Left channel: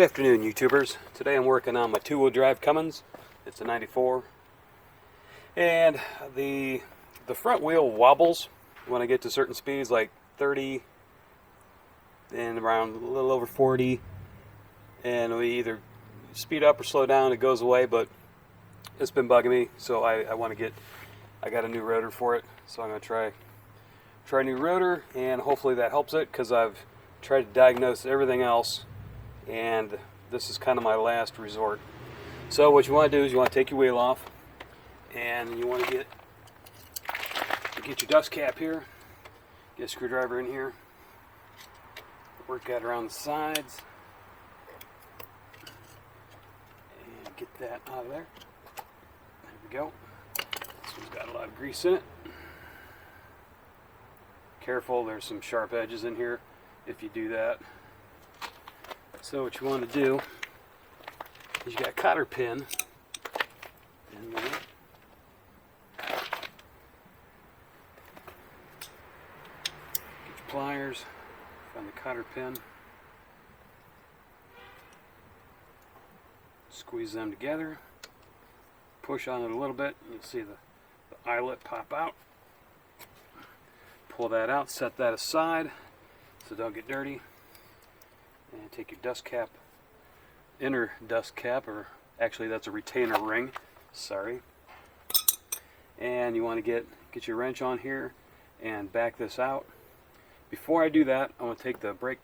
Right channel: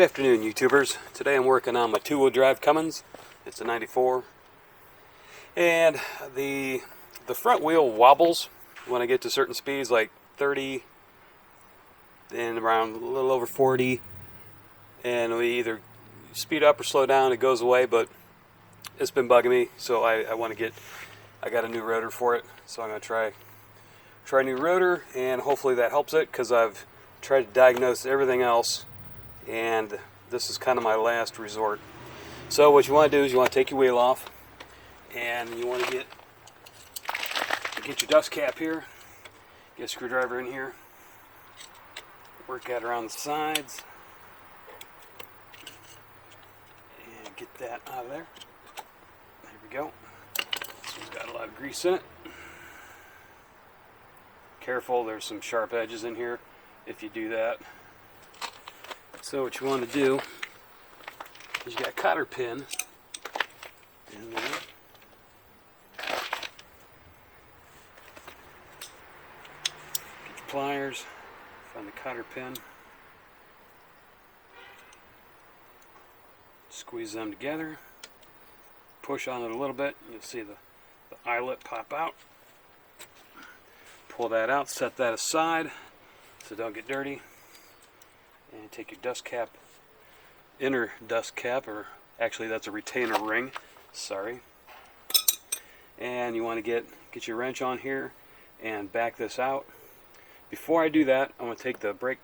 Good afternoon, YouTubers. Today I'm working on my two-wheel drive Cummins. It's a 94. And the front wheel wobbles when I get to certain speeds, like 30 and around a little over 40. And we either speed up or slow down, it goes away, but it's been bugging me. So I got a new rotor for it. So I'm going to try a new rotor, and hopefully that helps it, because I've tried to diagnose everything else. And this is kind of my last resort. So what you want to do is you want to take your wheel off, and you want to get your dust cap here, get a screwdriver in here, work that around the sides, and get that out of there. There we go. So it's got a lot of grease in it. Careful, there's some sharp edges in here if you do that. So what you want to do is you got a cotter pin, and get your pliers, find the cotter pin, squeeze them together, push on it a little bit, and you'll see the eyelet pop out. Pull that out, set that aside so don't get dirty. And take your dust cap, inner dust cap, or actually that's a retainer ring, sorry. And you want to get your wrench on here and back this out. Before I do that, I want to take the brake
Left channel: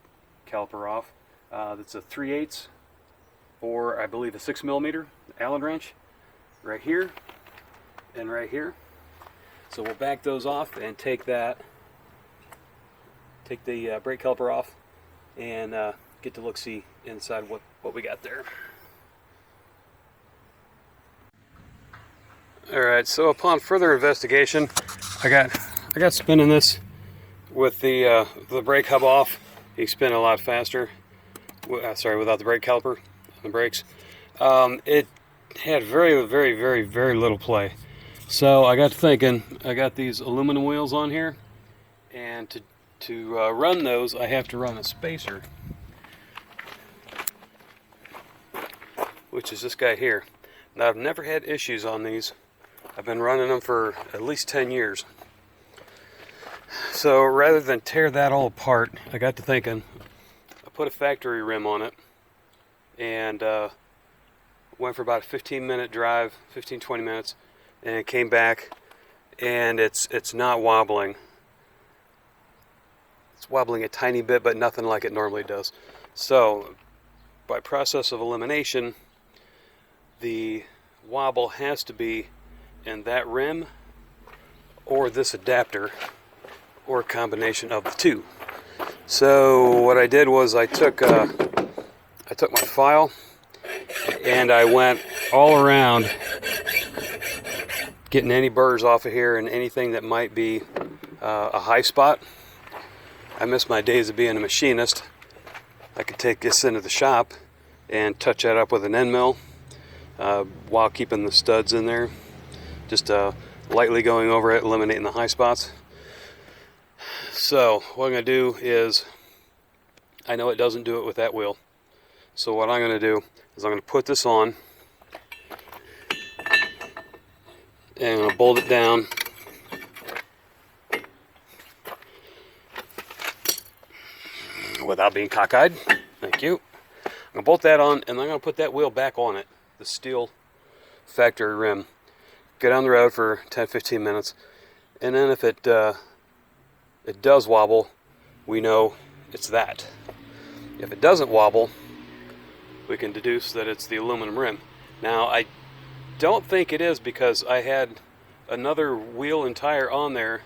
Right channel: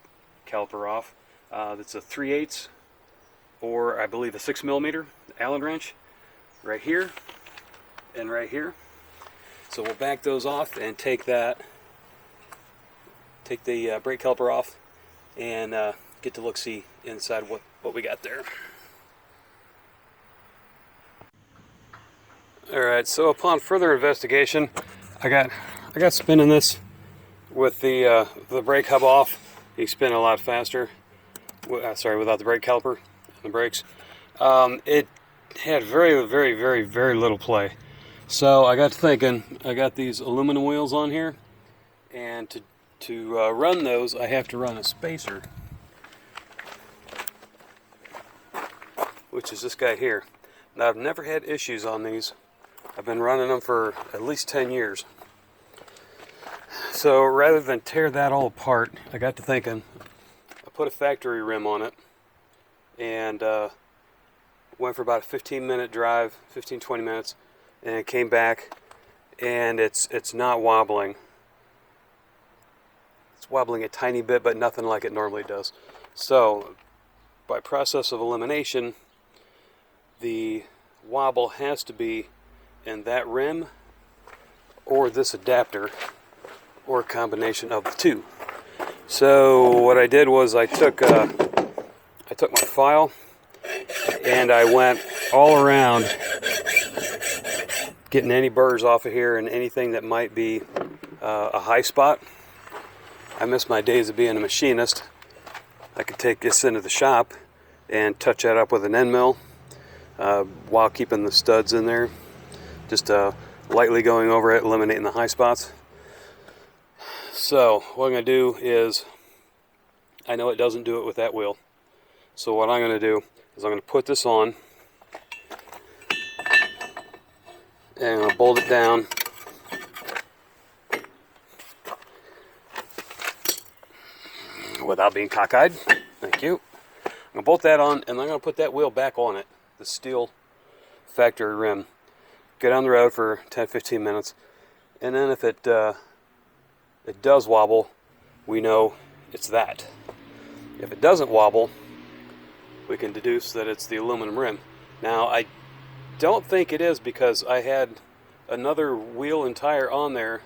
caliper off. That's a 3/8 or I believe a 6mm Allen wrench right here and right here. So we'll back those off and take the brake caliper off and get to look-see inside what we got there. Alright, so upon further investigation, I got spinning this with the brake hub off. You spin a lot faster. Without the brake caliper and the brakes. It had very little play. So I got thinking, I got these aluminum wheels on here, and to run those, I have to run a spacer, which is this guy here. Now, I've never had issues on these. I've been running them for at least 10 years. So rather than tear that all apart, I got to thinking, I put a factory rim on it, and went for about a 15-minute drive, 15-20 minutes, and came back, and it's not wobbling. It's wobbling a tiny bit, but nothing like it normally does. So by process of elimination, the wobble has to be in that rim or this adapter, or a combination of the two. So what I did was I took my file and I went all around, getting any burrs off of here and anything that might be a high spot. I miss my days of being a machinist. I could take this into the shop and touch that up with an end mill while keeping the studs in there, just lightly going over it, eliminating the high spots. So what I'm going to do is, I know it doesn't do it with that wheel, so what I'm going to do is I'm going to put this on and I'll bolt it down. Without being cockeyed, thank you. I'm going to bolt that on, and I'm going to put that wheel back on it, the steel factory rim. Get on the road for 10-15 minutes, and then if it does wobble, we know it's that. If it doesn't wobble, we can deduce that it's the aluminum rim. Now, I don't think it is, because I had another wheel and tire on there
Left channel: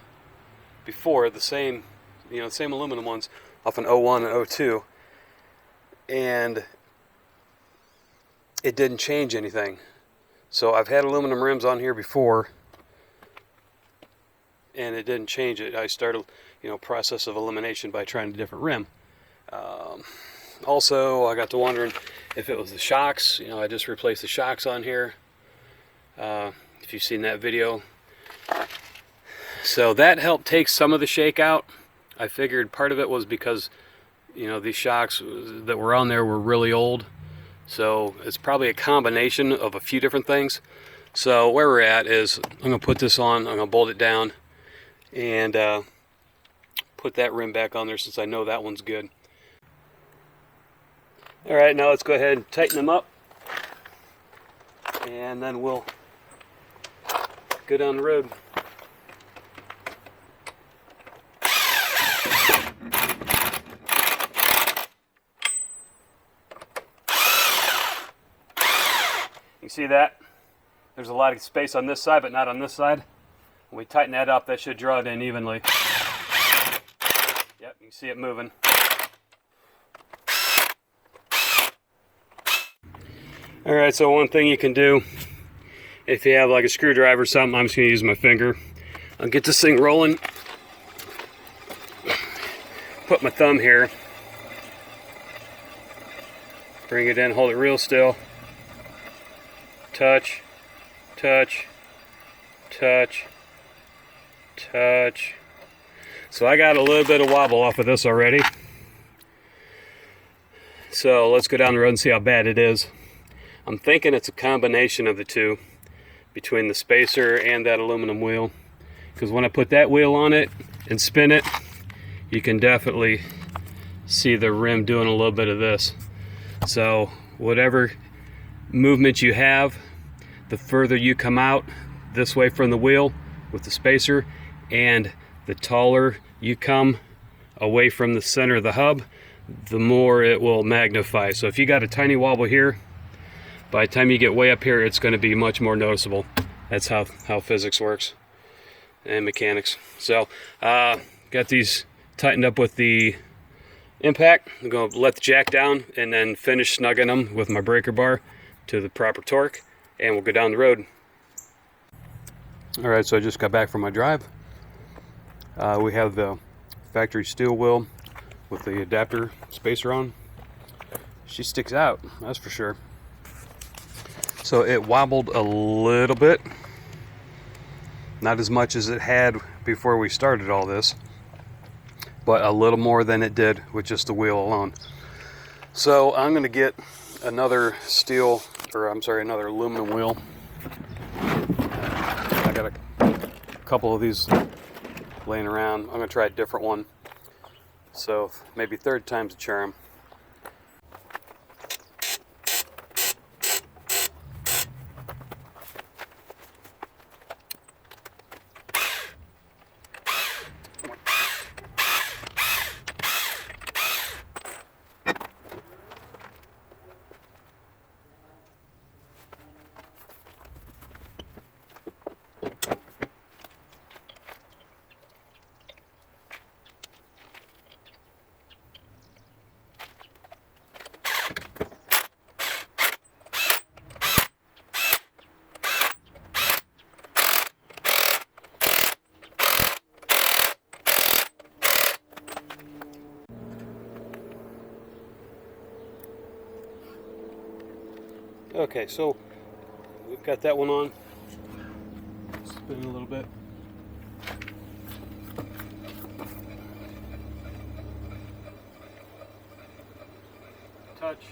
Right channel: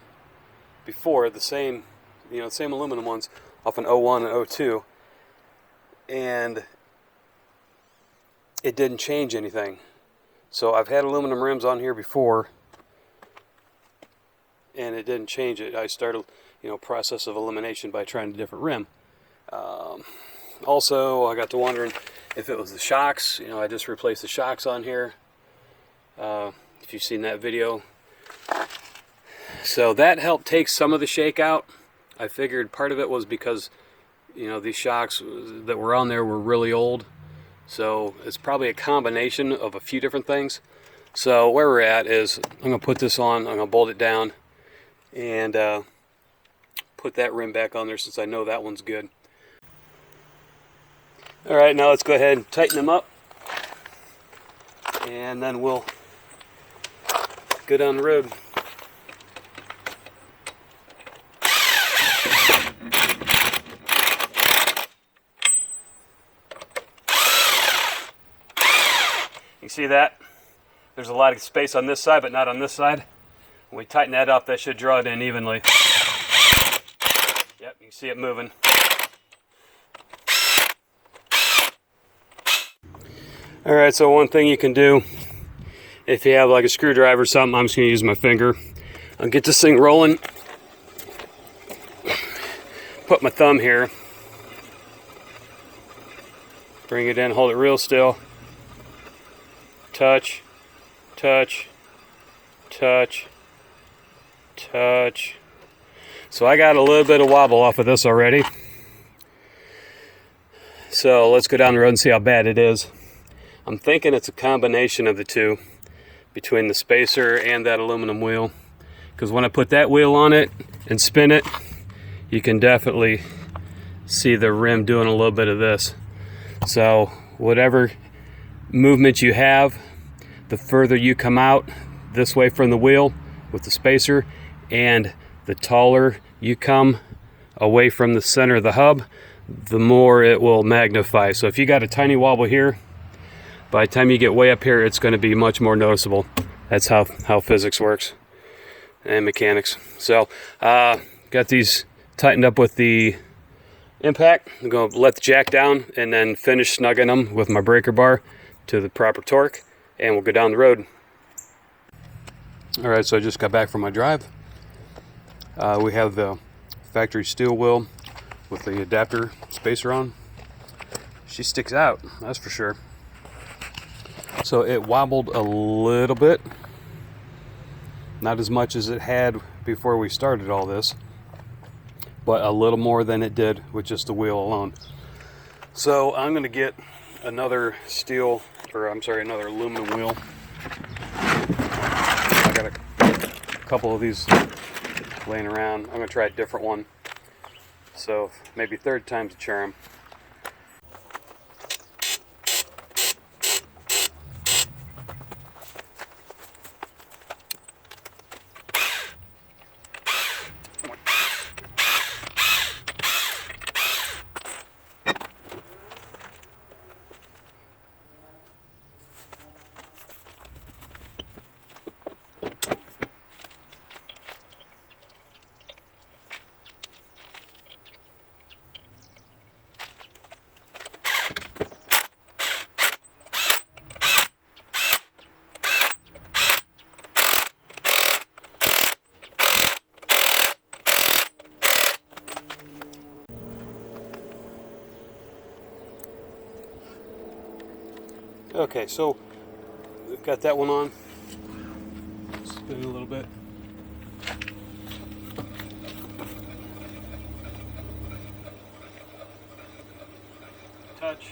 before, the same aluminum ones, off an 01 and 02, and it didn't change anything. So I've had aluminum rims on here before, and it didn't change it. I started, process of elimination by trying a different rim. Also, I got to wondering if it was the shocks. I just replaced the shocks on here. If you've seen that video. So that helped take some of the shake out. I figured part of it was because, these shocks that were on there were really old. So it's probably a combination of a few different things. So where we're at is I'm going to put this on, I'm going to bolt it down, and put that rim back on there since I know that one's good. Alright, now let's go ahead and tighten them up, and then we'll go down the road. You see that? There's a lot of space on this side, but not on this side. When we tighten that up, that should draw it in evenly. Yep, you can see it moving. Alright, so one thing you can do, if you have like a screwdriver or something, I'm just going to use my finger. I'll get this thing rolling. Put my thumb here. Bring it in, hold it real still. Touch, touch, touch, touch. So I got a little bit of wobble off of this already. So let's go down the road and see how bad it is. I'm thinking it's a combination of the two, between the spacer and that aluminum wheel. Because when I put that wheel on it and spin it, you can definitely see the rim doing a little bit of this. So whatever movement you have, the further you come out this way from the wheel with the spacer, and the taller you come away from the center of the hub, the more it will magnify. So if you got a tiny wobble here, by the time you get way up here, it's going to be much more noticeable. That's how physics works and mechanics. So got these tightened up with the impact. I'm going to let the jack down and then finish snugging them with my breaker bar to the proper torque, and we'll go down the road. Alright, so I just got back from my drive. We have the factory steel wheel with the adapter spacer on. She sticks out, that's for sure. So it wobbled a little bit. Not as much as it had before we started all this, but a little more than it did with just the wheel alone. So I'm going to get another another aluminum wheel. I got a couple of these laying around. I'm going to try a different one. So maybe third time's a charm. Okay, so we've got that one on. Spin it a little bit. Touch,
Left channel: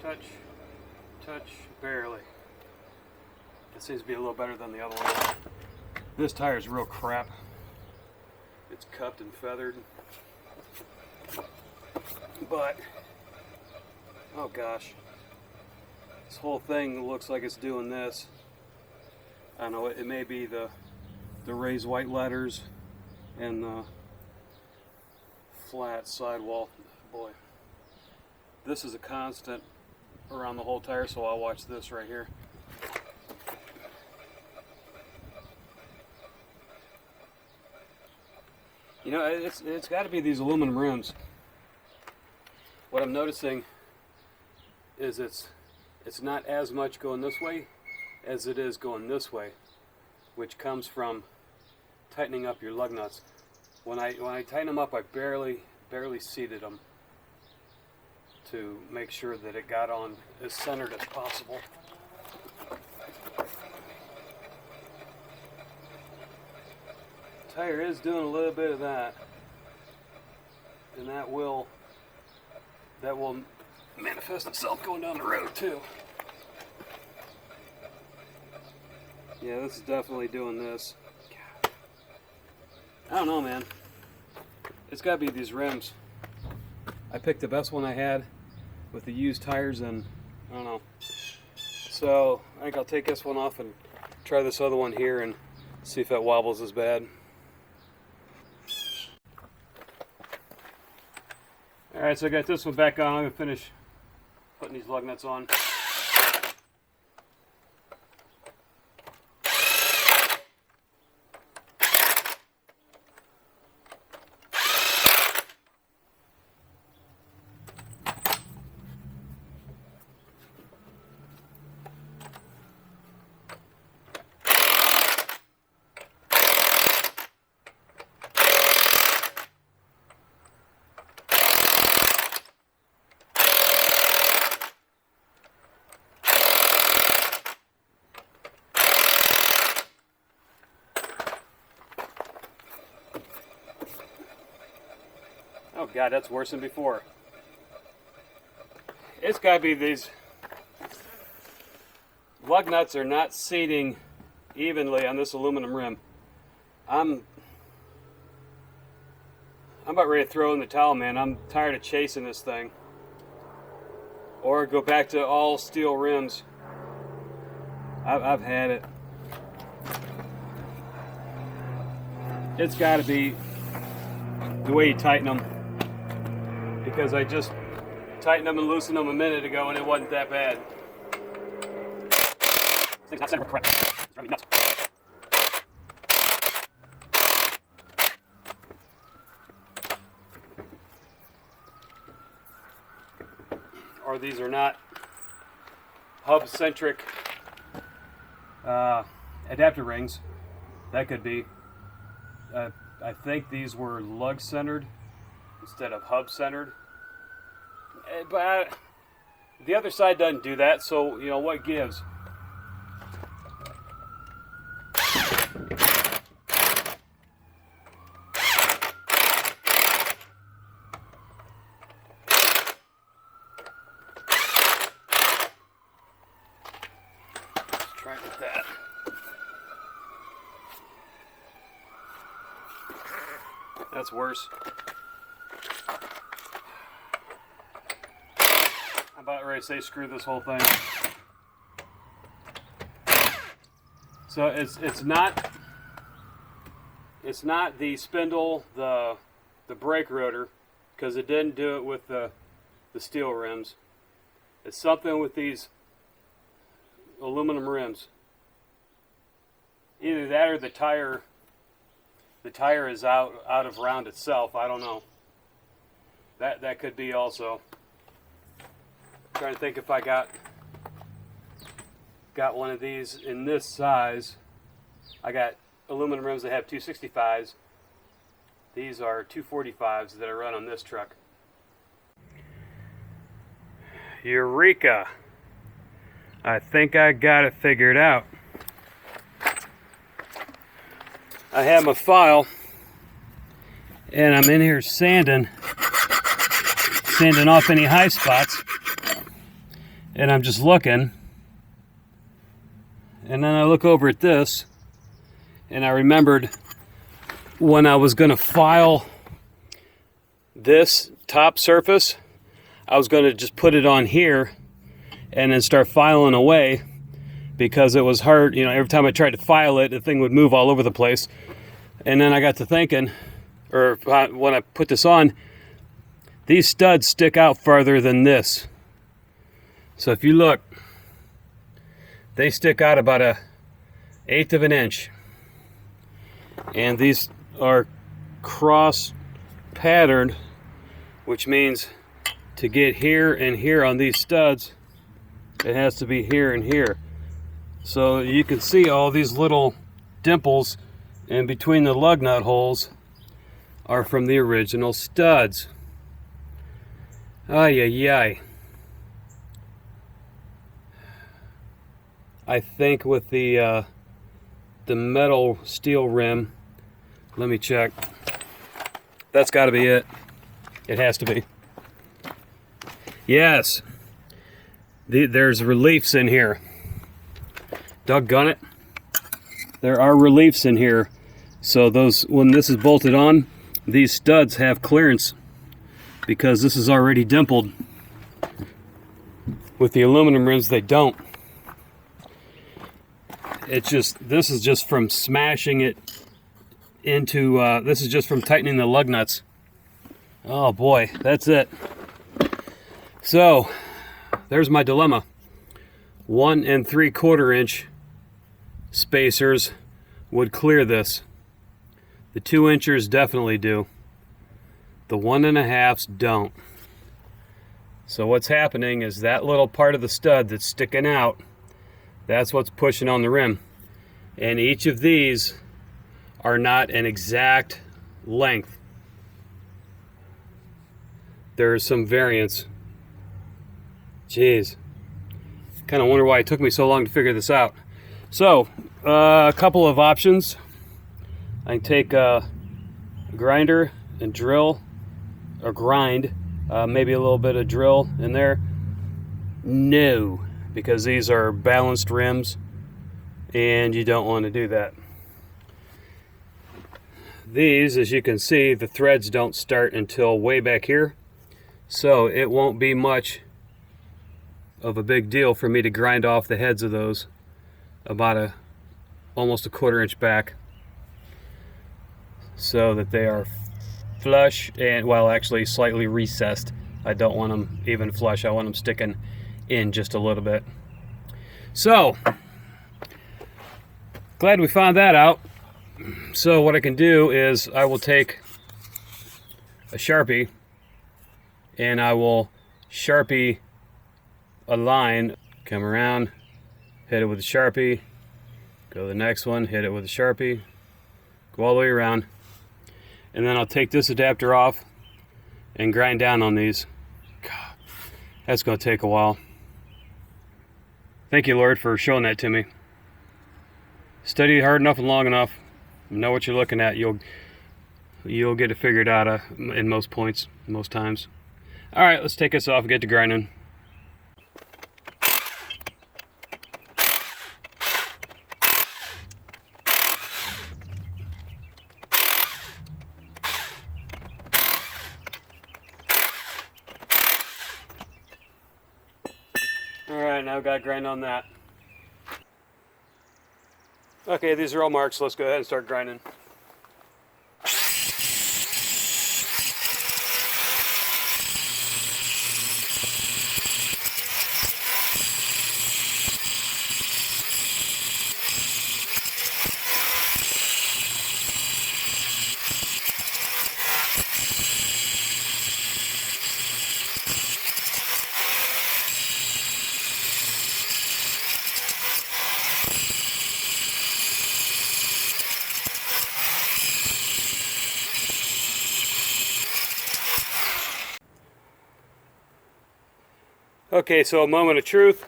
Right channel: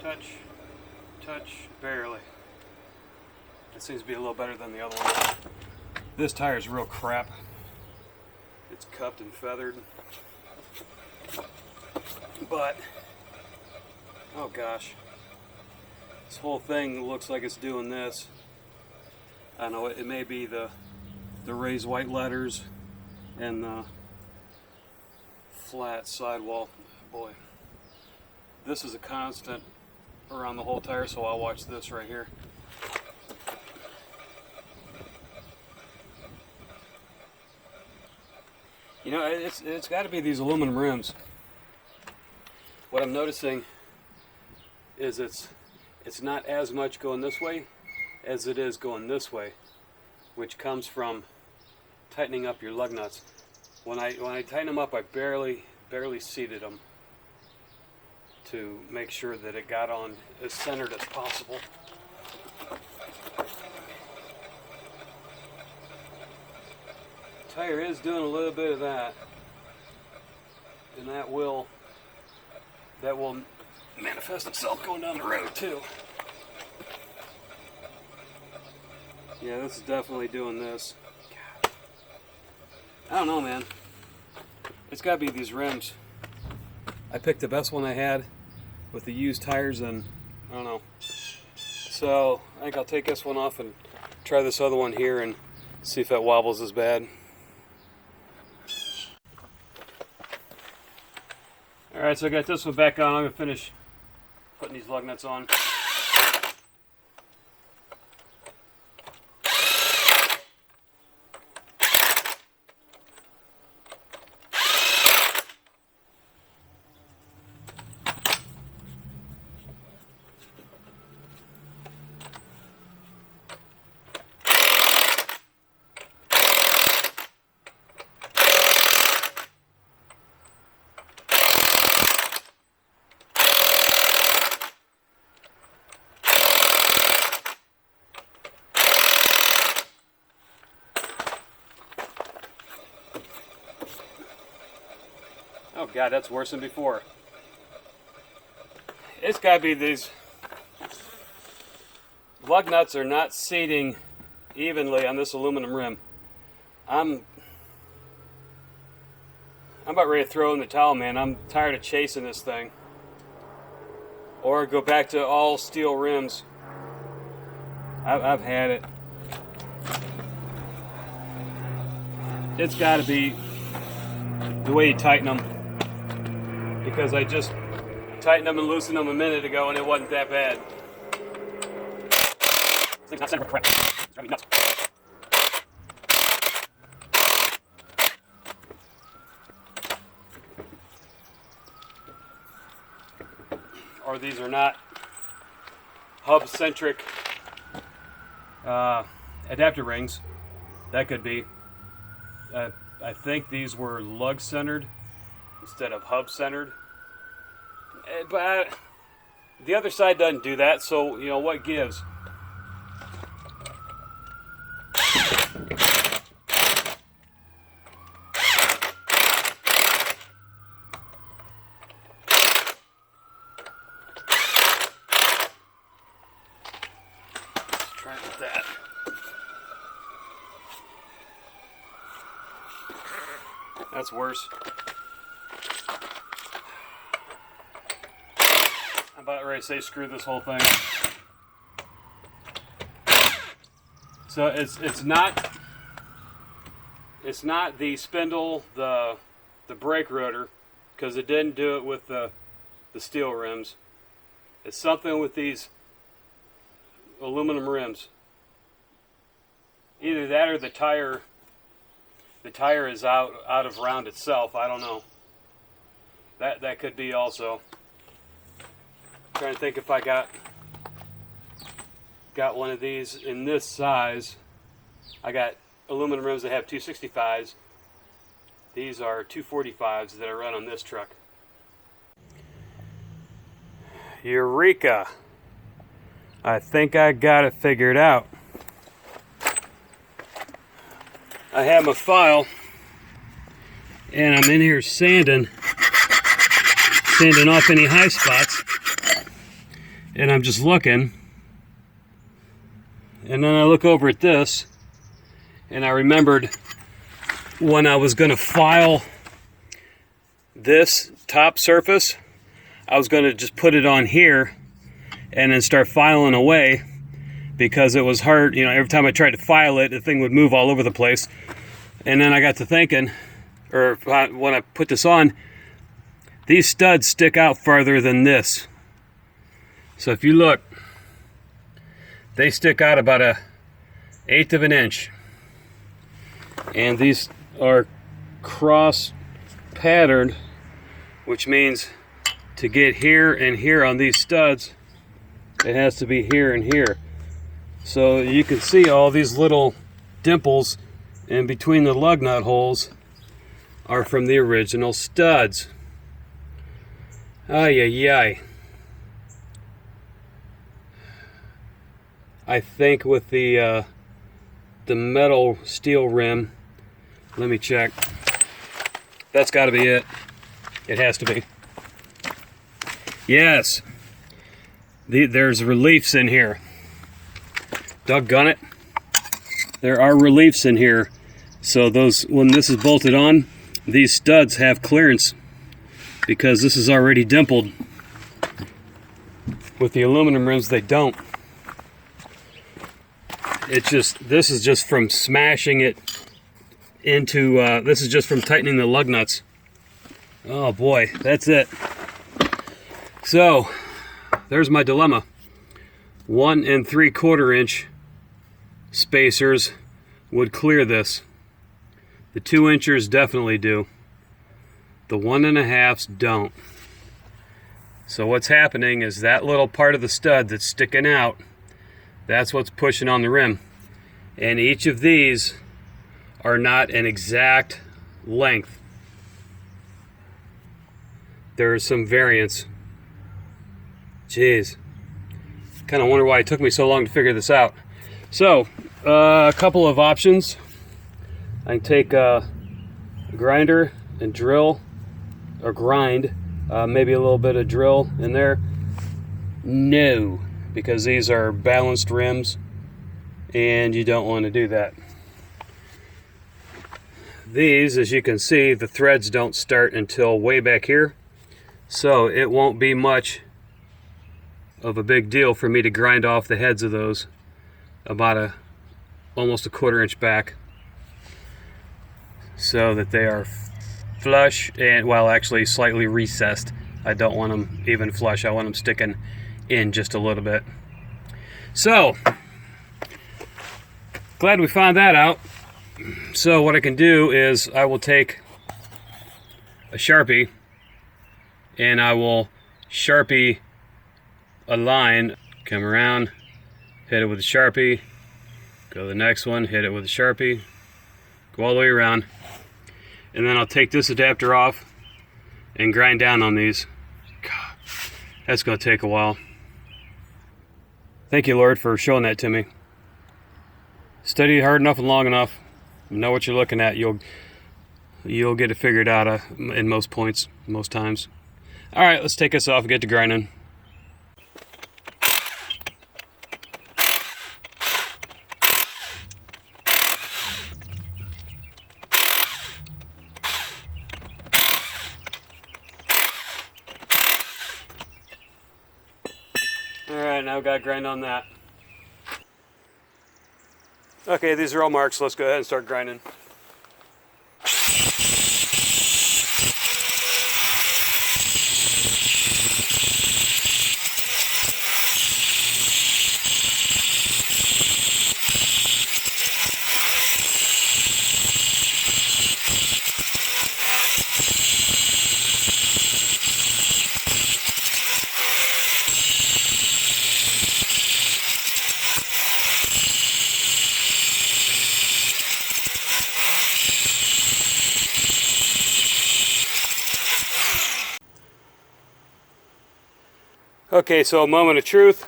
touch, touch, barely. It seems to be a little better than the other one. This tire is real crap. It's cupped and feathered. But, oh gosh. This whole thing looks like it's doing this. I don't know, it may be the raised white letters and the flat sidewall. Boy, this is a constant around the whole tire, so I'll watch this right here. You know, it's got to be these aluminum rims. What I'm noticing is it's not as much going this way as it is going this way, which comes from tightening up your lug nuts. When I tighten them up, I barely seated them to make sure that it got on as centered as possible. The tire is doing a little bit of that, and that will manifest itself going down the road too. Yeah, this is definitely doing this. I don't know, man. It's got to be these rims. I picked the best one I had with the used tires, and I don't know. So I think I'll take this one off and try this other one here and see if it wobbles as bad. Alright, so I got this one back on. I'm going to finish putting these lug nuts on. Oh God, that's worse than before. It's got to be these lug nuts are not seating evenly on this aluminum rim. I'm about ready to throw in the towel, man. I'm tired of chasing this thing. Or go back to all steel rims. I've had it. It's got to be the way you tighten them. Because I just tightened them and loosened them a minute ago and it wasn't that bad. This thing's not centered correct. It's driving me nuts. Or these are not hub-centric adapter rings. That could be. I think these were lug-centered instead of hub-centered. But the other side doesn't do that, so you know what gives. Let's try with that. That's worse. I'm about ready to say screw this whole thing. So it's not the spindle, the brake rotor, because it didn't do it with the steel rims. It's something with these aluminum rims. Either that or the tire is out of round itself. I don't know. That could be also. Trying to think if I got one of these in this size. I got aluminum rims that have 265s. These are 245s that I run on this truck. Eureka! I think I got it figured out. I have my file and I'm in here sanding off any high spots. And I'm just looking, and then I look over at this, and I remembered when I was going to file this top surface, I was going to just put it on here and then start filing away because it was hard. You know, every time I tried to file it, the thing would move all over the place. And then I got to thinking, or when I put this on, these studs stick out farther than this. So if you look, they stick out about 1/8 of an inch. And these are cross patterned, which means to get here and here on these studs, it has to be here and here. So you can see all these little dimples in between the lug nut holes are from the original studs. Ay, ay, ay. I think with the metal steel rim, let me check. That's got to be it. It has to be. Yes, there's reliefs in here. Doggone it. There are reliefs in here. So those, when this is bolted on, these studs have clearance because this is already dimpled. With the aluminum rims, they don't. It's just, this is just from smashing it into, this is just from tightening the lug nuts. Oh boy, that's it. So, there's my dilemma. 1 3/4 inch spacers would clear this. The 2 inchers definitely do. The 1 1/2s don't. So what's happening is that little part of the stud that's sticking out, that's what's pushing on the rim. And each of these are not an exact length. There's some variance. Jeez. Kind of wonder why it took me so long to figure this out. So, a couple of options. I can take a grinder and drill, or grind, maybe a little bit of drill in there. No, because these are balanced rims and you don't want to do that. These, as you can see, the threads don't start until way back here, so it won't be much of a big deal for me to grind off the heads of those about almost a 1/4 inch back, so that they are flush and, well, actually slightly recessed. I don't want them even flush. I want them sticking in just a little bit. So, glad we found that out. So what I can do is I will take a Sharpie and I will Sharpie a line, come around, hit it with a Sharpie, go to the next one, hit it with a Sharpie, go all the way around, and then I'll take this adapter off and grind down on these. God, that's going to take a while. Thank you, Lord, for showing that to me. Study hard enough and long enough, you know what you're looking at, you'll get it figured out in most points, most times. All right, let's take this off and get to grinding. Alright, now I've got to grind on that. Okay, these are all marked, so let's go ahead and start grinding. Okay, so a moment of truth.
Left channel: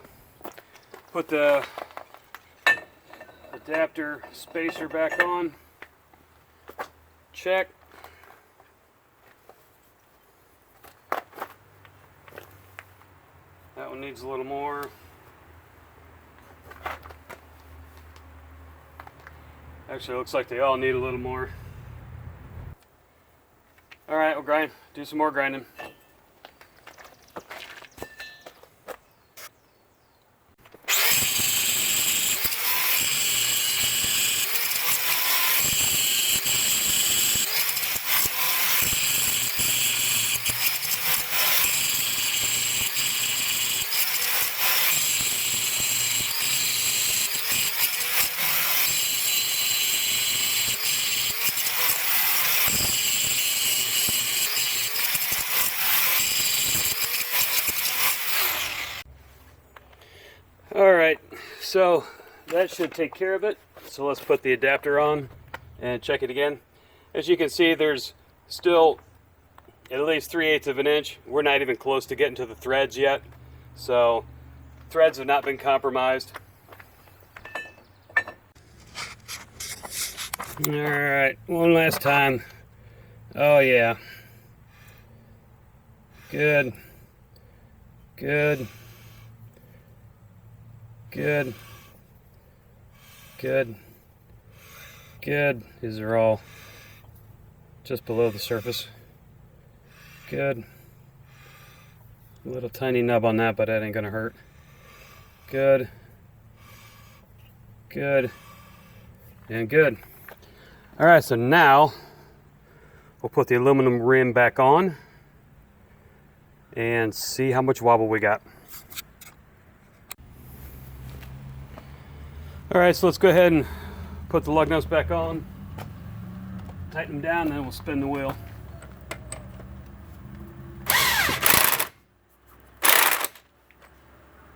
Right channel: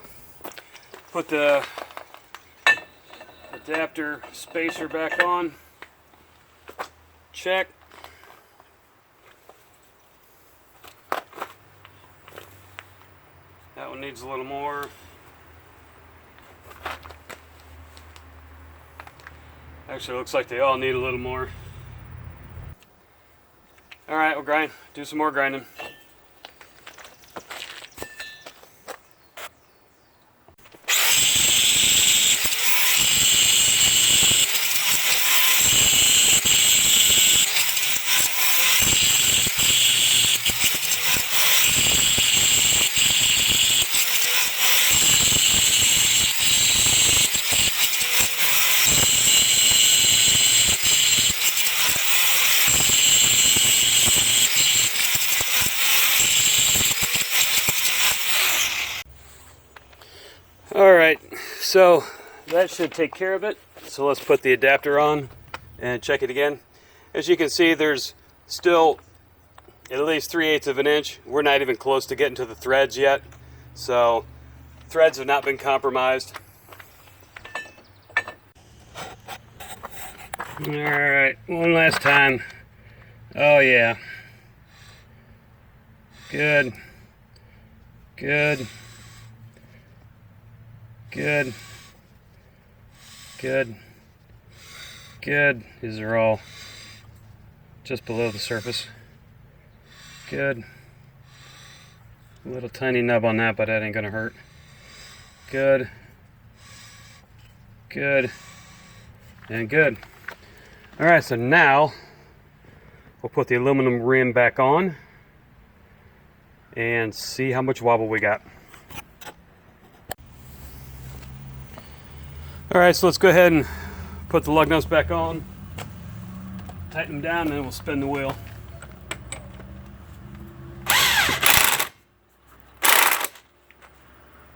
Put the adapter spacer back on. Check. That one needs a little more. Actually, it looks like they all need a little more. Alright, we'll grind. Do some more grinding. Alright, so that should take care of it. So let's put the adapter on and check it again. As you can see, there's still at least 3/8 of an inch. We're not even close to getting to the threads yet. So threads have not been compromised. Alright, one last time. Oh yeah. Good. Good. Good. Good. Good. These are all just below the surface. Good. A little tiny nub on that, but that ain't gonna hurt. Good. Good. And good. All right, so now we'll put the aluminum rim back on and see how much wobble we got. All right, so let's go ahead and put the lug nuts back on, tighten them down, and then we'll spin the wheel.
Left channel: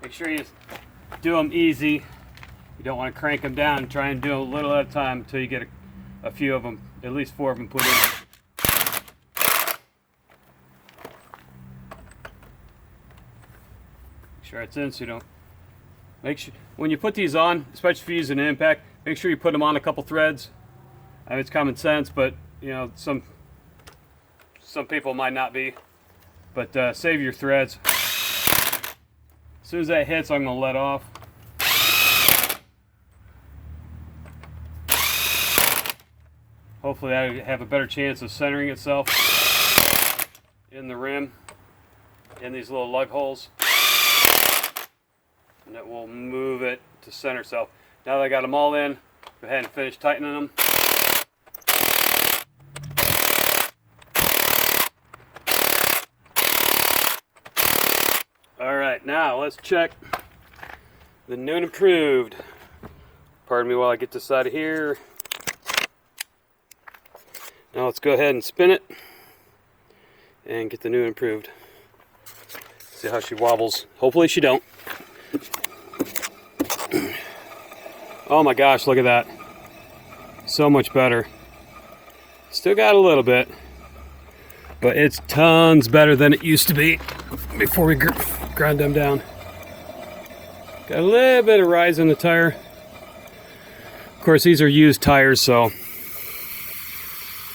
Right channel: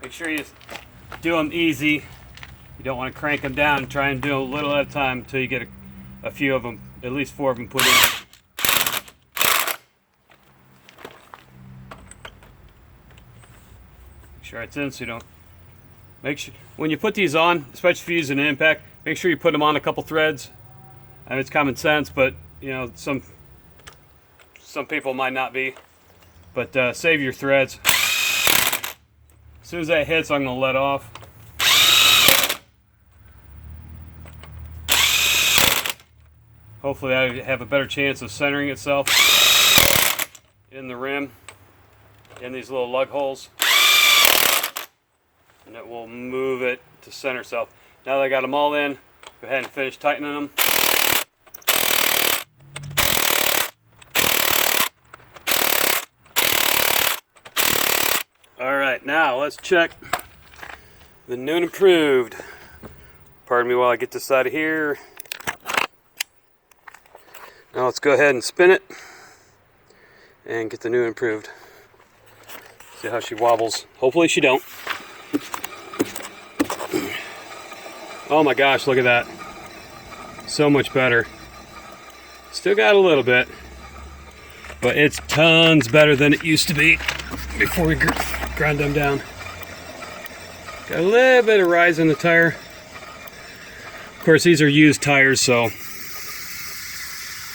Make sure you do them easy. You don't want to crank them down. Try and do a little at a time until you get a few of them, at least 4 of them put in. Make sure it's in so you don't. Make sure when you put these on, especially if you use an impact, make sure you put them on a couple threads. I mean, it's common sense, but you know some people might not be. But save your threads. As soon as that hits, I'm going to let off. Hopefully that'll have a better chance of centering itself in the rim, in these little lug holes. And it will move it to center itself. Now that I got them all in, go ahead and finish tightening them. Alright, now let's check the new and improved. Pardon me while I get this out of here. Now let's go ahead and spin it and get the new and improved. See how she wobbles. Hopefully she don't. Oh my gosh, look at that. So much better. Still got a little bit, but it's tons better than it used to be before we grind them down. Got a little bit of rise in the tire. Of course, these are used tires, so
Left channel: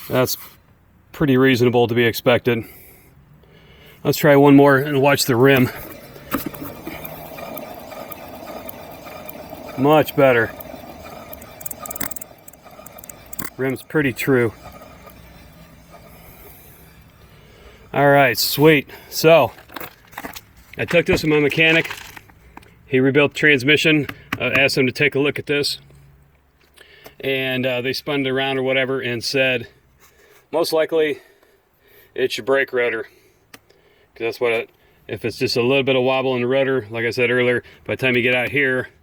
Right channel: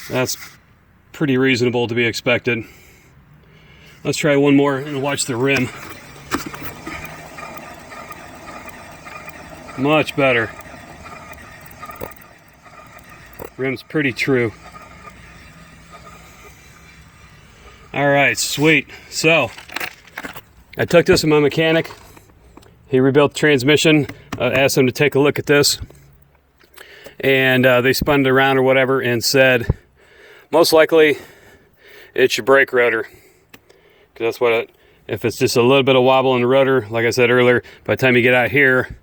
that's pretty reasonable to be expected. Let's try one more and watch the rim. Much better. Rim's pretty true. All right, sweet. So I took this to my mechanic. He rebuilt the transmission. I asked him to take a look at this, and they spun it around or whatever and said most likely it's your brake rotor. That's what if it's just a little bit of wobble in the rotor, like I said earlier, by the time you get out here,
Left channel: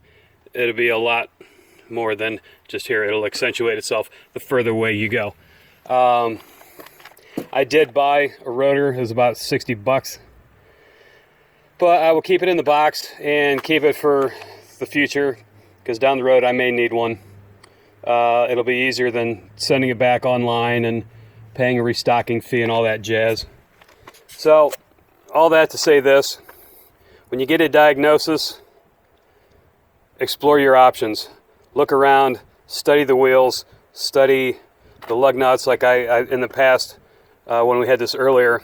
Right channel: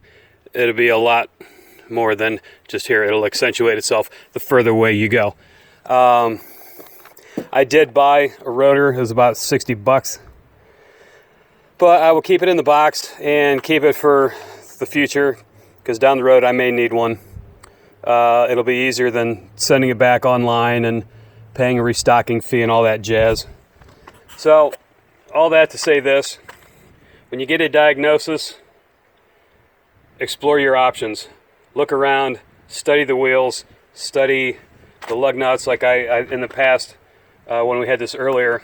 it'll be a lot more than just here. It'll accentuate itself the further away you go. I did buy a rotor. It was about 60 bucks. But I will keep it in the box and keep it for the future, because down the road I may need one. It'll be easier than sending it back online and paying a restocking fee and all that jazz. So, all that to say this: when you get a diagnosis, explore your options. Look around, study the wheels, study the lug nuts. Like I in the past, when we had this earlier,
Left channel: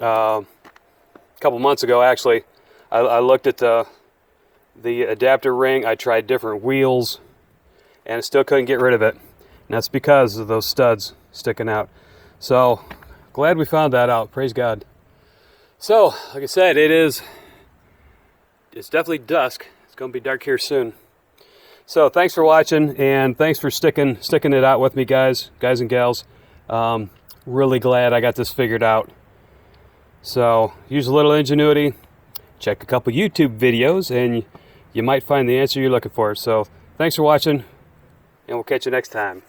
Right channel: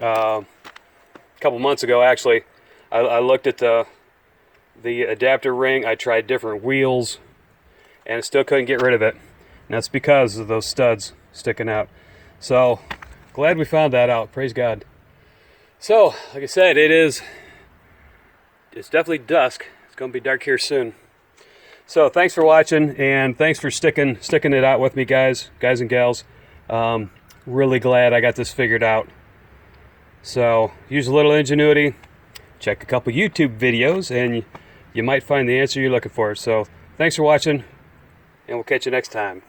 a couple months ago actually, I looked at the adapter ring. I tried different wheels, and I still couldn't get rid of it. And that's because of those studs sticking out. So, glad we found that out. Praise God. So, like I said, it's definitely dusk. It's going to be dark here soon. So thanks for watching, and thanks for sticking it out with me, guys and gals. Really glad I got this figured out. So use a little ingenuity, check a couple YouTube videos, and you might find the answer you're looking for. So thanks for watching, and we'll catch you next time.